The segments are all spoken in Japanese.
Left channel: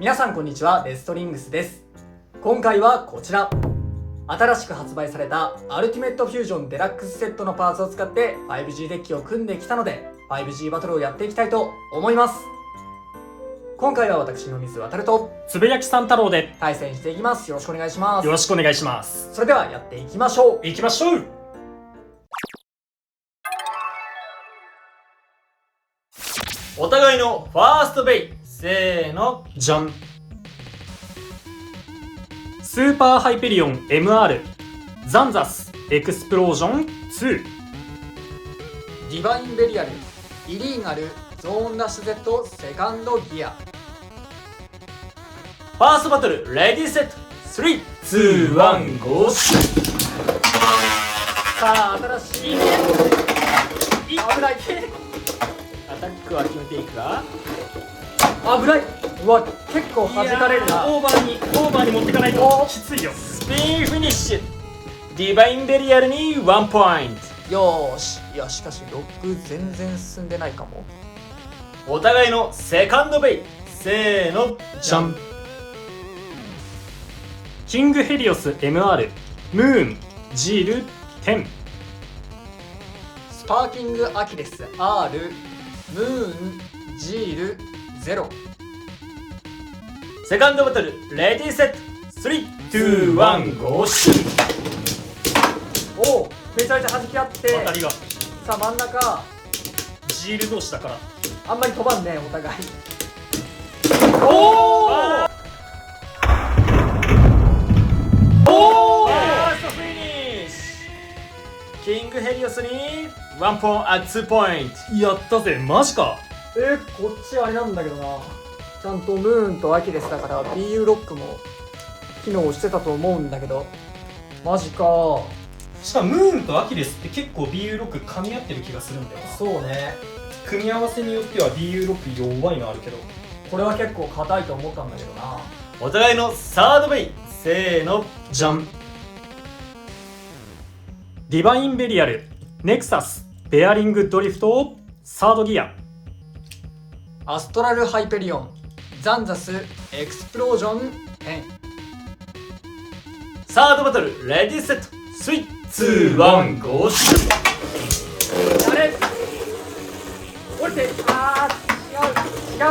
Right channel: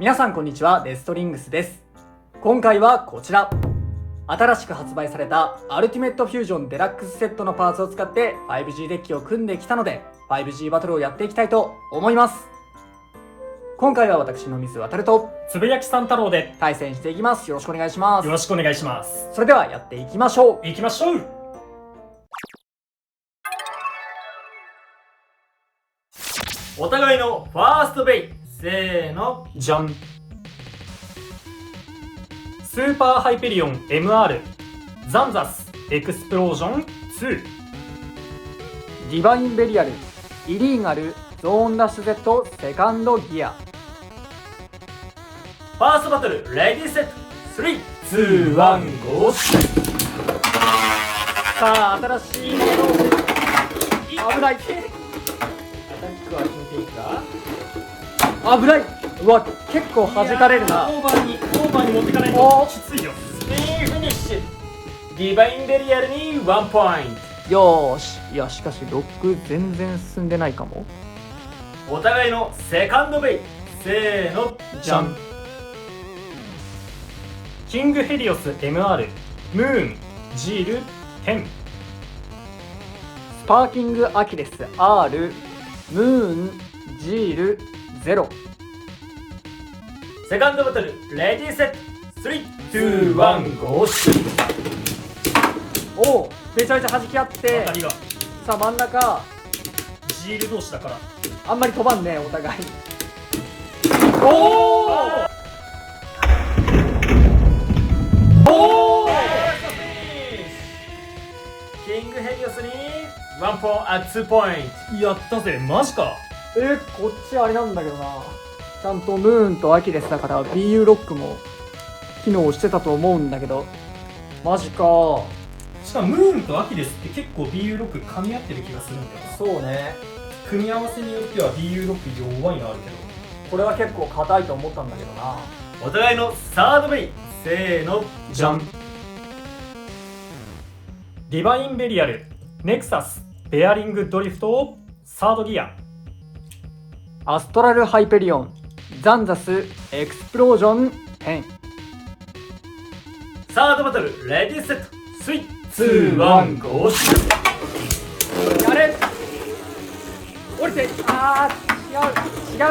皆さんこんにちは、レストリングスです。今回はこちら、新しく発売されたアルティメットフュージョンデラックスセットのパーツを使って 5G デッキを組んできたので 5G バトルをやっていきたいと思います。今回は私の水渡るとつぶやきさん太郎で対戦していきます。よろしくお願いします。よろしくお願いします。それではやっていきましょう。行きましょう。お互いのファーストベイ、せーの、じゃん。スーパーハイペリオン MR ザンザスエクスプロージョン2。ディバインベリアルイリーガルゾーンラッシュ Z セカンドギア。ファーストバトル、レディーセット、3、2、1、ゴー。さあ新しい危ないアタックは決めていくか。危ない。うわ、結構弾かれるな。オーバーに持っていかないときついよ。スピンフィニッシュ。ディバインベリアルに1ポインよーし。いや、しかしロック全然進んでないかも。ト。お互いのセカンドベイ、せーの、じゃん。キングヘリオス MR ムーンジール10。スパーキングアキレス R ムーンジール0。セカンドバトル、レディーセット、3、2、1、ゴー。おお、めちゃめちゃ弾き合って当たりがさあ真ん中ジール同士だから。あんまり飛ばんね、お互い。おおキングヘリオスに1ポイント、2ポイント。やったぜ。マジか。こっちあれなんだけどな、ちゃんとムーンとアキレスだから BU ロックも機能してたと思うんだけど、マジか。しかもムーンとアキレスって結構 BU ロック噛み合ってる気がするんだよな。そうね。組み合わせによっては BU ロック弱いのあるけど。これは結構硬いと思ったんだけどな。お互いのサードベイ、せーの、じゃん。ディバインベリアルネクサスベアリングドリフトサードギア。アストラルハイペリオンザンザスエクスプロージョン10。サードバトル、レディーセット、3、2、1、ゴー。あれ降りて、あー、違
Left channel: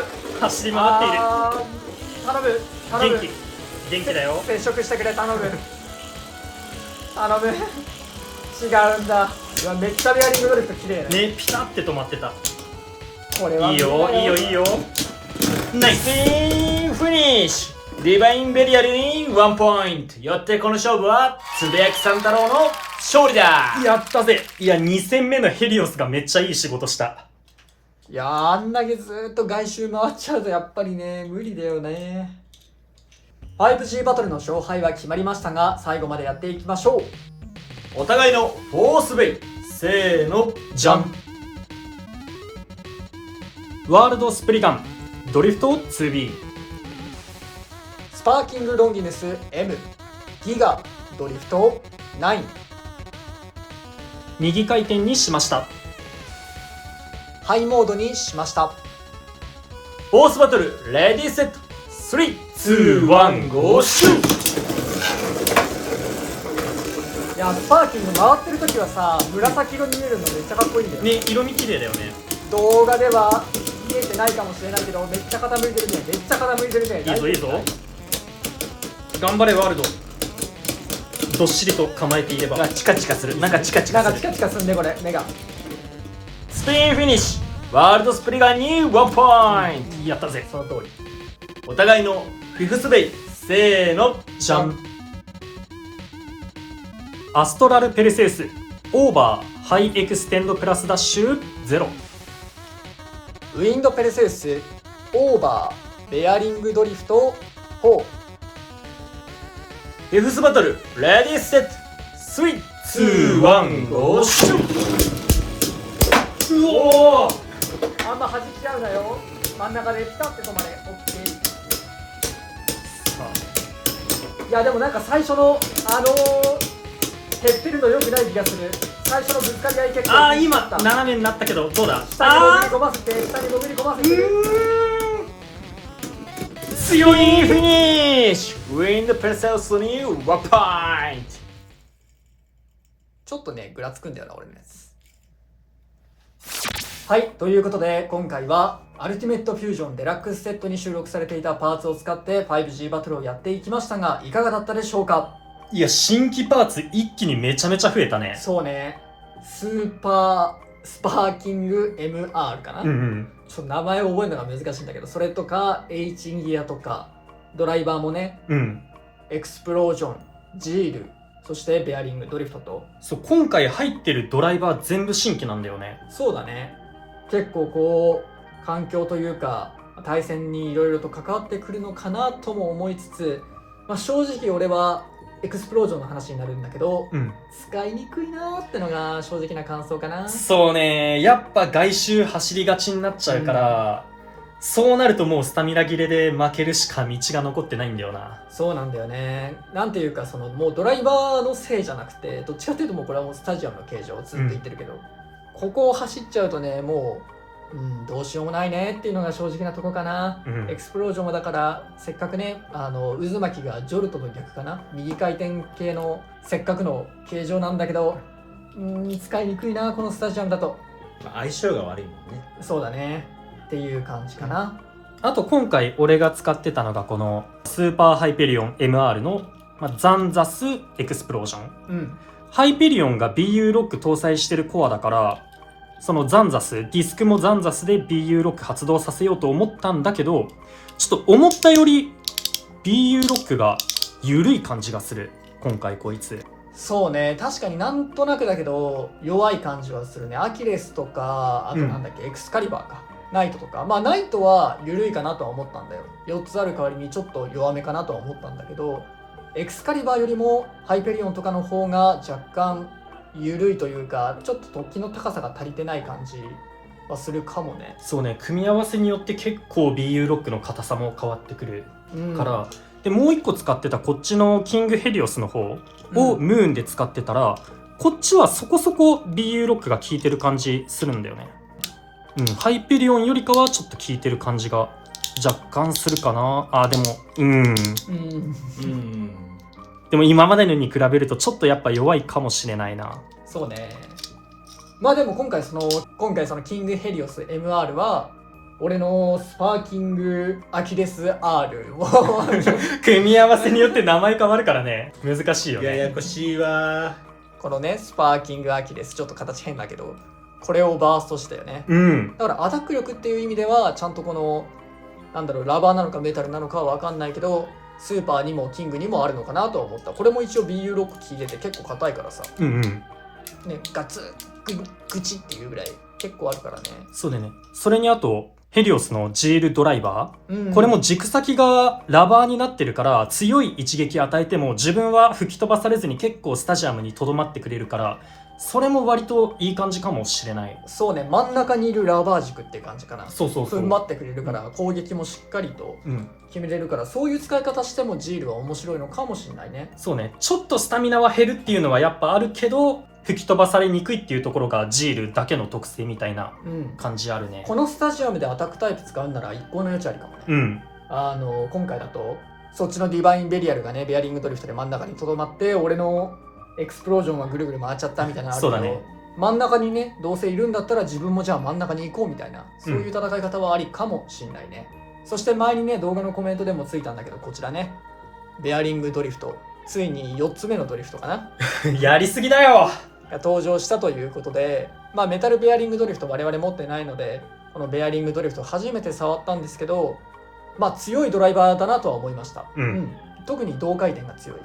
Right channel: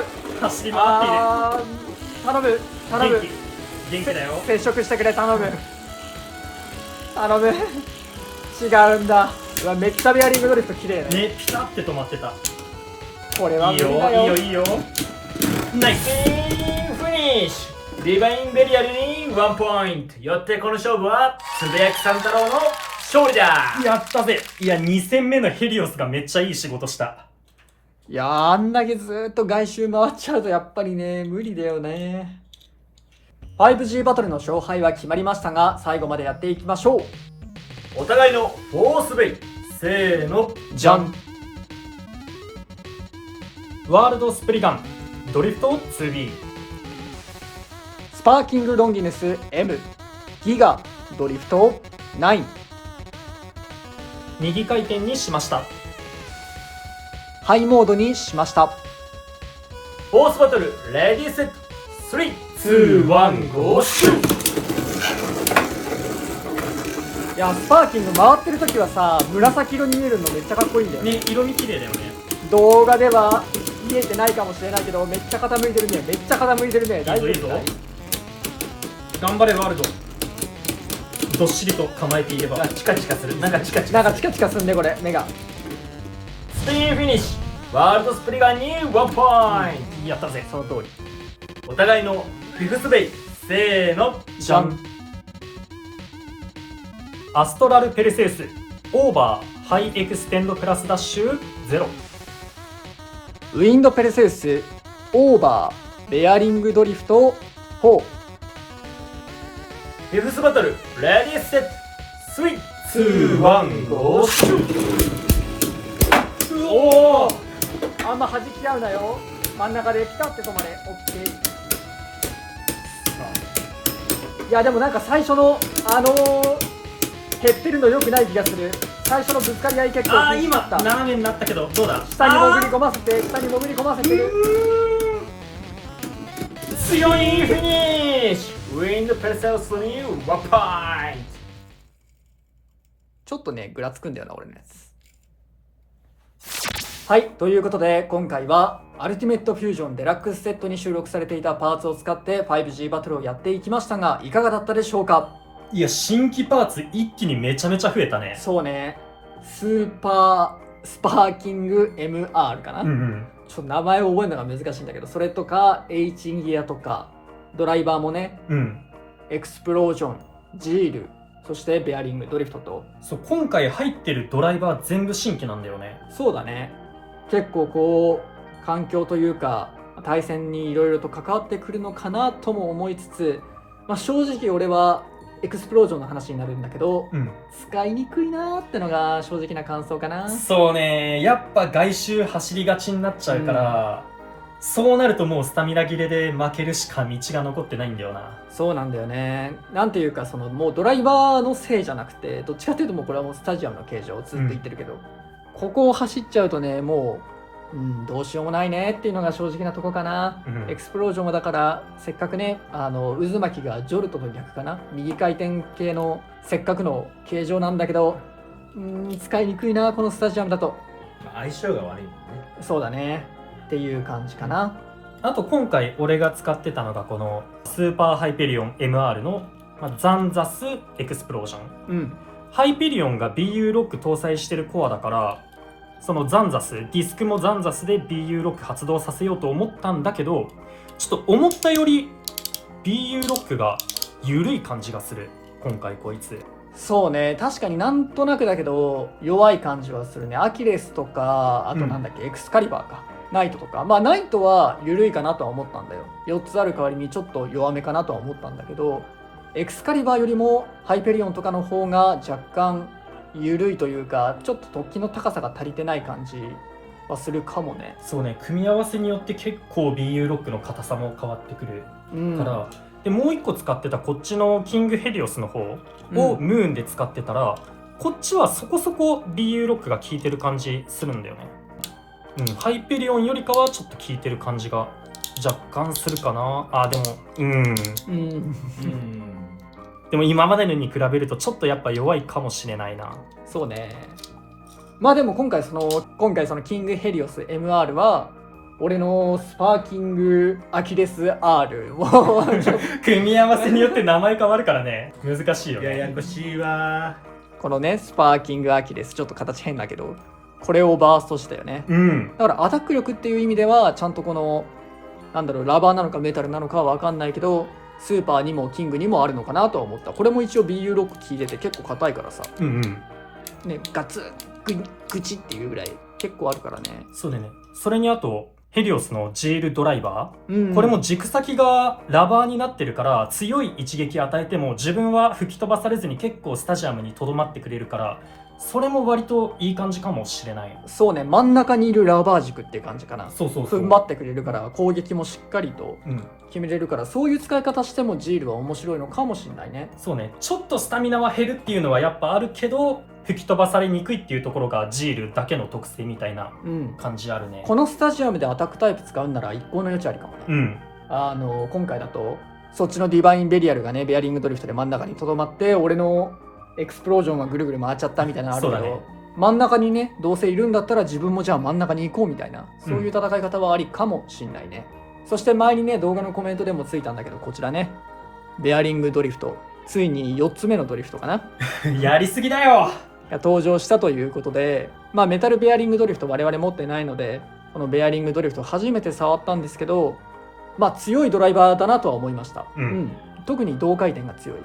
う走り回っている。頼む元気だよ。接触してくれ、頼む頼む。違うんだ。うわ、めっちゃベアリングドリフト綺麗ね。ね、ピタって止まってた。これはいいよ。ナイスフィニッシュ。ディバインベリアルに1ポイント。よってこの勝負はつぶやきさん太郎の勝利だ。やったぜ。いや、2戦目のヘリオスがめっちゃいい仕事した。いやー、あんだけずーっと外周回っちゃうとやっぱりね、無理だよね。5G バトルの勝敗は決まりましたが、最後までやっていきましょう。お互いのフォースベイ、せーの、じゃん。ワールドスプリガンドリフト 2B。 スパーキングロンギヌス M ギガドリフト9。右回転にしました。ハイモードにしました。フォースバトル、レディーセット、3、2、1、ゴー。いや、スパーキング回ってる時はさ、紫色に見えるのめっちゃかっこいいんだよね。ね、色味綺麗だよね。動画では見えてないかもしれないけど、めっちゃ傾いてるね。めっちゃ傾いてるね。いいぞいいぞ。頑張れワールド。どっしりと構えていれば。チカチカする。なんかチカチカする。なんかチカチカすんね、これ目が。スピンフィニッシュ。ワールドスプリガンに1ポイント。やったぜ。その通り。お互いのフィフスベイ、せーの、じゃん。アストラルペルセウスオーバーハイエクステンドプラスダッシュ0。ウィンドペルセウスオーバーベアリングドリフト4。フィフスバトル、レディーセット、3、2、1、ゴー。うおー、あんま弾き合うなよ。真ん中でピタって止まれ。オッケー。いやでもなんか最初の減ってるの良くない気がする。最初のぶつかり合い結構ああ、今斜めになったけどどうだ。下に潜り込ませて、下に潜り込ませて。強いフィニッシュ。ウィンドペサスにワンポイント。ちょっとねぐらつくんだよな俺のやつ。はい、ということで今回はアルティメットフュージョンデラックスセットに収録されていたパーツを使って 5G バトルをやっていきましたがいかがだったでしょうか。いや、新規パーツ一気にめちゃめちゃ増えたね。そうね、スーパースパーキング MR かな、うんうん。ちょっと名前を覚えるのが難しいんだけど、それとか H インギアとかドライバーもね、うん。エクスプロージョン、ジール、そしてベアリング、ドリフトと。そう、今回入ってるドライバー全部新規なんだよね。そうだね、結構こう環境というか対戦にいろいろと関わってくるのかなとも思いつつ、正直俺はエクスプロージョンの話になるんだけど、うん。使いにくいなーってのが正直な感想かな。そうね、やっぱ外周走りがちになっちゃうから、そうなるともうスタミナ切れで負けるしか道が残ってないんだよな。そうなんだよね。なんていうかそのもうドライバーのせいじゃなくて、どっちかっていうともうこれはもうスタジアムの形状をずっと言ってるけど、ここを走っちゃうとねもう、どうしようもないねっていうのが正直なとこかな。うんエクスプロージョンはだからせっかくね渦巻きがジョルトの逆かな、右回転系のせっかくの形状なんだけど、使いにくいなこのスタジアムだと。相性が悪いもんね。そうだねっていう感じかな。あと今回俺が使ってたのがこのスーパーハイペリオン MR の、ザンザスエクスプロージョン。ハイペリオンが BU ロック搭載してるコアだから、そのザンザス、ディスクもザンザスで BU ロック発動させようと思ったんだけど、ちょっと思ったより BU ロックが緩い感じがする今回こいつ。そうね、確かになんとなくだけど弱い感じはするね。アキレスとか、あとなんだっけ、エクスカリバーか、ナイトとか。ナイトは緩いかなとは思ったんだよ。4つある代わりにちょっと弱めかなとは思ったんだけど、エクスカリバーよりもハイペリオンとかの方が若干緩いというか、ちょっと突起の高さが足りてない感じはするかもね。そうね、組み合わせによって結構 BU ロックの硬さも変わってくるから、でもう一個使ってたこっちのキングヘリオスの方をムーンで使ってたら、こっちはそこそこ BU ロックが効いてる感じするんだよね。ハイペリオンよりかはちょっと効いてる感じが若干するかな。でも今までのに比べるとちょっとやっぱ弱いかもしれないな。そうね。でも今回そのキングヘリオス MR は俺のスパーキングアキレス R を組み合わせによって名前変わるからね、難しいよね。ややこしいわ。このねスパーキングアキレス、ちょっと形変だけどこれをバーストしたよね。だからアタック力っていう意味ではちゃんとこのラバーなのかメタルなのかは分かんないけど、スーパーにもキングにもあるのかなとは思った。これも一応 BU ロック効いてて結構硬いからさ、ね、ガツッグチっていうぐらい結構あるからね。そうだね。それにあとヘリオスのジールドライバー、これも軸先がラバーになってるから強い一撃与えても自分は吹き飛ばされずに結構スタジアムにとどまってくれるから、それも割といい感じかもしれない。そうね、真ん中にいるラバー軸っていう感じかな。そう踏ん張ってくれるから攻撃もしっかりと決めれるから、そういう使い方してもジールは面白いのかもしれないね。そうね、ちょっとスタミナは減るっていうのはやっぱあるけど、吹き飛ばされにくいっていうところがジールだけの特性みたいな感じあるね。このスタジアムでアタックタイプ使うんなら一向の余地ありかもな。今回だとそっちのディバインベリアルがねベアリングドリフトで真ん中にとどまって、俺のエクスプロージョンがぐるぐる回っちゃったみたいなのあるけど、そうだね、真ん中にねどうせいるんだったら自分もじゃあ真ん中に行こうみたいな、そういう戦い方はありかもしんないね。そして前にね動画のコメントでもついたんだけど、こちらねベアリングドリフト、ついに4つ目のドリフトかなやりすぎだよが登場したということで、メタルベアリングドリフト我々持ってないので、このベアリングドリフト初めて触ったんですけど、強いドライバーだなとは思いました。特に同回転が強い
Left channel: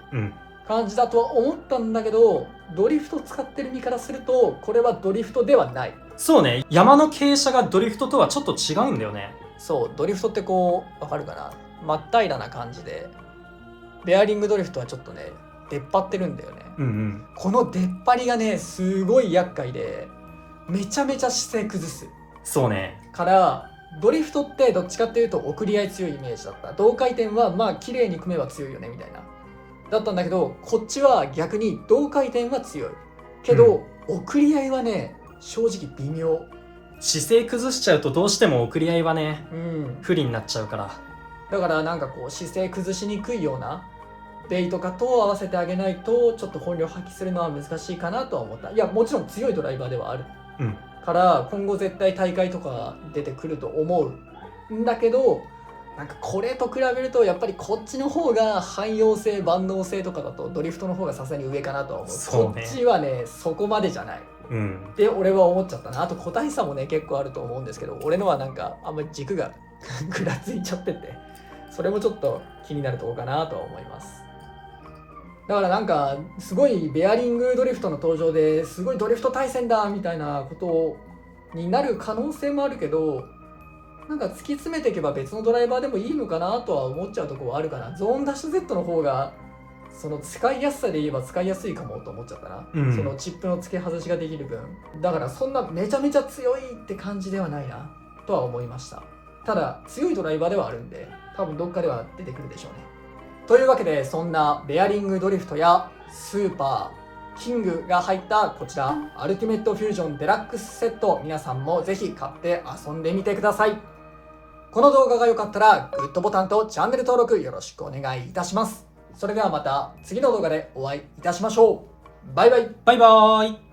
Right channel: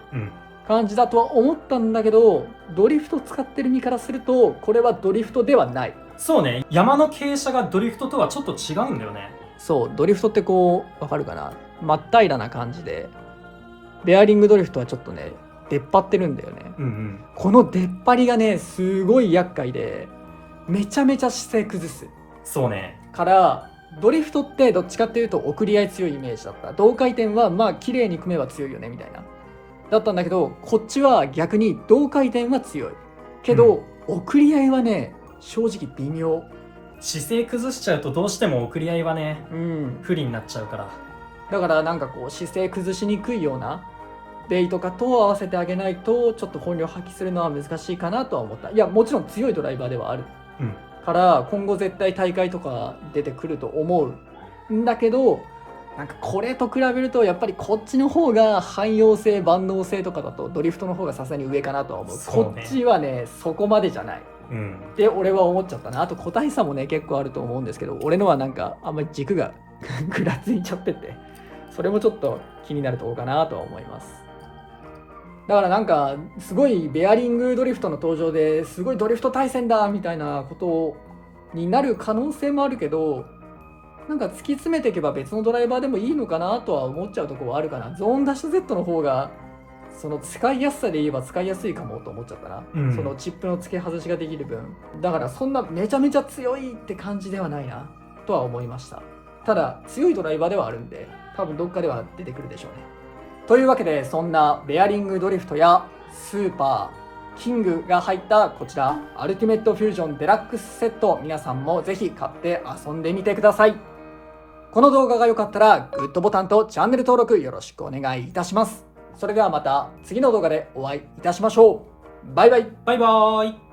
感じだとは思ったんだけど、ドリフト使ってる身からするとこれはドリフトではない。そうね、山の傾斜がドリフトとはちょっと違うんだよね。そう、ドリフトってこうわかるかな、真っ平らな感じで、ベアリングドリフトはちょっとね出っ張ってるんだよね。この出っ張りがねすごい厄介で、めちゃめちゃ姿勢崩す。そうね、からドリフトってどっちかっていうと送り合い強いイメージだった。同回転は綺麗に組めば強いよねみたいなだったんだけど、こっちは逆に同回転は強いけど、送り合いはね正直微妙。姿勢崩しちゃうとどうしても送り合いはね、不利になっちゃうから。だからなんかこう姿勢崩しにくいようなベイとかと合わせてあげないとちょっと本領発揮するのは難しいかなとは思った。いやもちろん強いドライバーではある、から今後絶対大会とか出てくると思うんだけど、なんかこれと比べるとやっぱりこっちの方が汎用性万能性とかだとドリフトの方がさすがに上かなとは思う。そうねこっちはねそこまでじゃないって俺は思っちゃったな。あと個体差もね結構あると思うんですけど、俺のはなんかあんまり軸がぐらついちゃってて、それもちょっと気になるところかなとは思います。だからなんかすごいベアリングドリフトの登場ですごいドリフト対戦だみたいなことになる可能性もあるけど、なんか突き詰めていけば別のドライバーでもいいのかなとは思っちゃうところはあるかな。ゾーンダッシュ Z の方がその使いやすさで言えば使いやすいかもと思っちゃったな、そのチップの付け外しができる分。だからそんなめちゃめちゃ強いって感じではないなとは思いました。ただ強いドライバーではあるんで多分どっかでは出てくるでしょうね。というわけでそんなベアリングドリフトやスーパーキングが入ったこちらアルティメットフュージョンデラックスセット、皆さんもぜひ買って遊んでみてください。この動画が良かったらグッドボタンとチャンネル登録よろしくお願いいたします。それではまた次の動画でお会いいたしましょう。バイバイ。バイバーイ。